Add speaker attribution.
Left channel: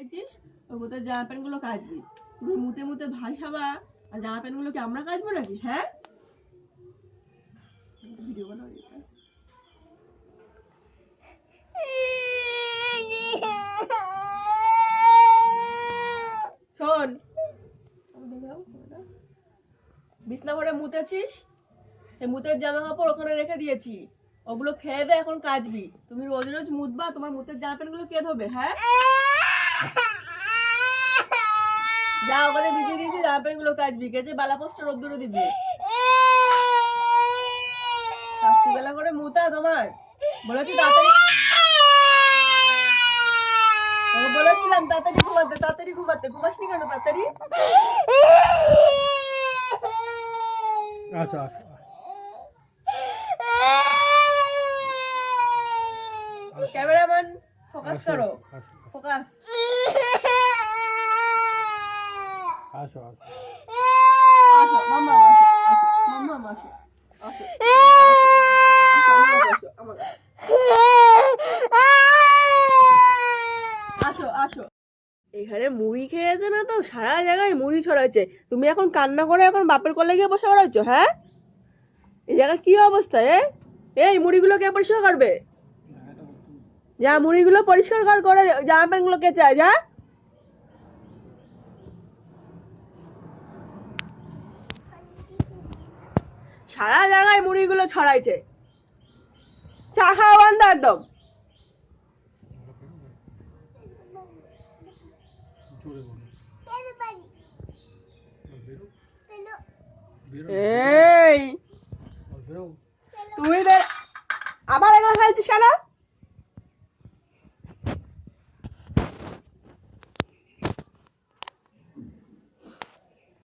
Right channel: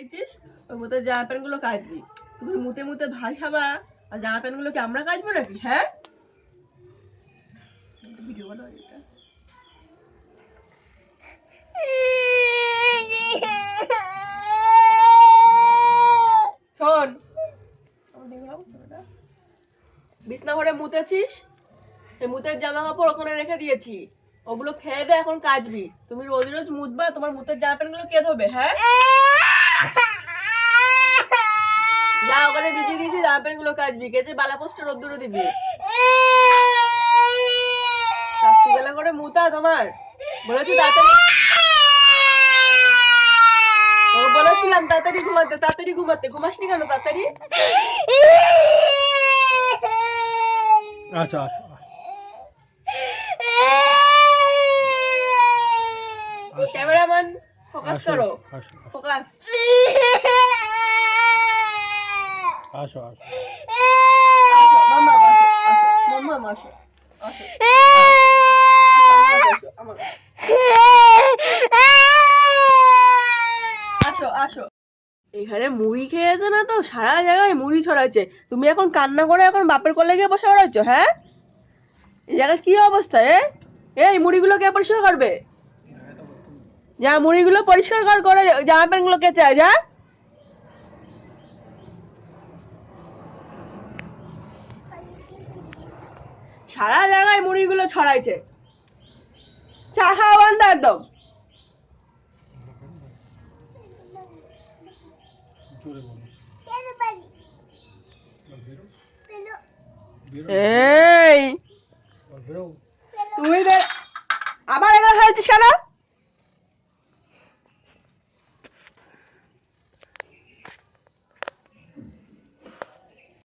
Speaker 1: খেয়েছিস ওই মুতে জামা প্যান্টগুলো কাচবি। তুমি মুতে মুতে ভাই খাবা, আর জামা প্যান্টগুলো কি আমরা কাচবো নাকি হ্যাঁ? ঘরে মুতেছিস? মুতের জামা কাপড় ওখানে রেখে দিয়েছি। ওগুলো খেয়ে দে, এখন কাচবি। তুমি রোজ রোজ মুতবা, তোমার মুতের জামা প্যান্টগুলো কে ধোবে হ্যাঁ? যা, ওখানে ভিজিয়ে দিয়েছি জামা গুলো কাচবি, কেচে বালা পোস্টে রোদ্দুরে দিবি। রাত্রিবেলা করে মুতা তোমার। বলেছি তাড়াতাড়ি তোকে বলেছিলাম তাড়াতাড়ি ঘুমাতে তাড়াতাড়ি ঘুমাতে। ঘুমাসনি কেন তাড়াতাড়ি?
Speaker 2: আচ্ছা আসো।
Speaker 1: ফোকাস
Speaker 2: আসো
Speaker 1: করো
Speaker 2: আসো।
Speaker 1: ফোকাস।
Speaker 2: আসো আসো।
Speaker 1: আসো মাম্মা আসো আসো মাম্মা আসো আসো। আসো আমার কাছে, আসো। আসো এখানে মুড়ি খেয়েছে না তো? সারা জায়গায় মুড়ি ছড়াচ্ছে। তুমি এখন কান্না করে এখন বাপের কোলে গিয়ে বসে বেড়াচ্ছ হ্যাঁ? এই জায়গায় কি অবস্থা এ? এই মুড়িগুলো কে পরিষ্কার করবে? যা মুড়িগুলো পরিষ্কার কর করে জামা প্যান্টগুলো কেচে যা। সারা জায়গায় মুড়িগুলো ছড়াইছে। চা খাওয়া বন্ধ একদম। এই। তুই আবার এগুলো খেলছিস কেন?